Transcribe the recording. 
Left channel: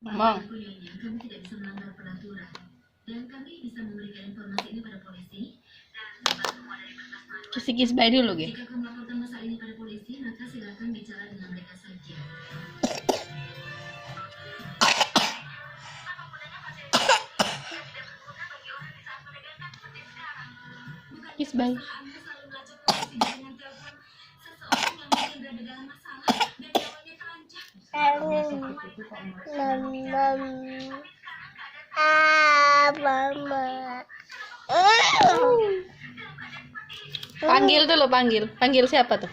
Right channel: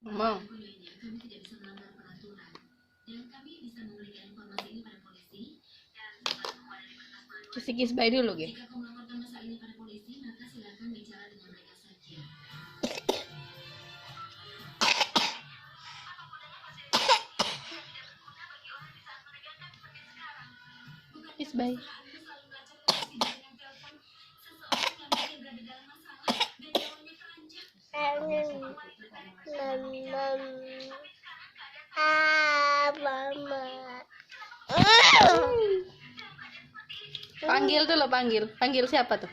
Ngomong. Kami tidak bisa melanggar peraturan dan kami bisa memberikan informasi ini pada polisi dan semua dari berkas manual. Kis-kis bayi dulu, Ge. Jika kau melaporkan masalah ini pada polisi, maka silakan bicara dengan mereka saja. Kis bayi. Perusahaanmu selalu melacak polisi dengan telepon seseorang yang mungkin berada dalam masalah dan nyawanya terancam. Panggil dulu, panggil. Panggil siapa tuh?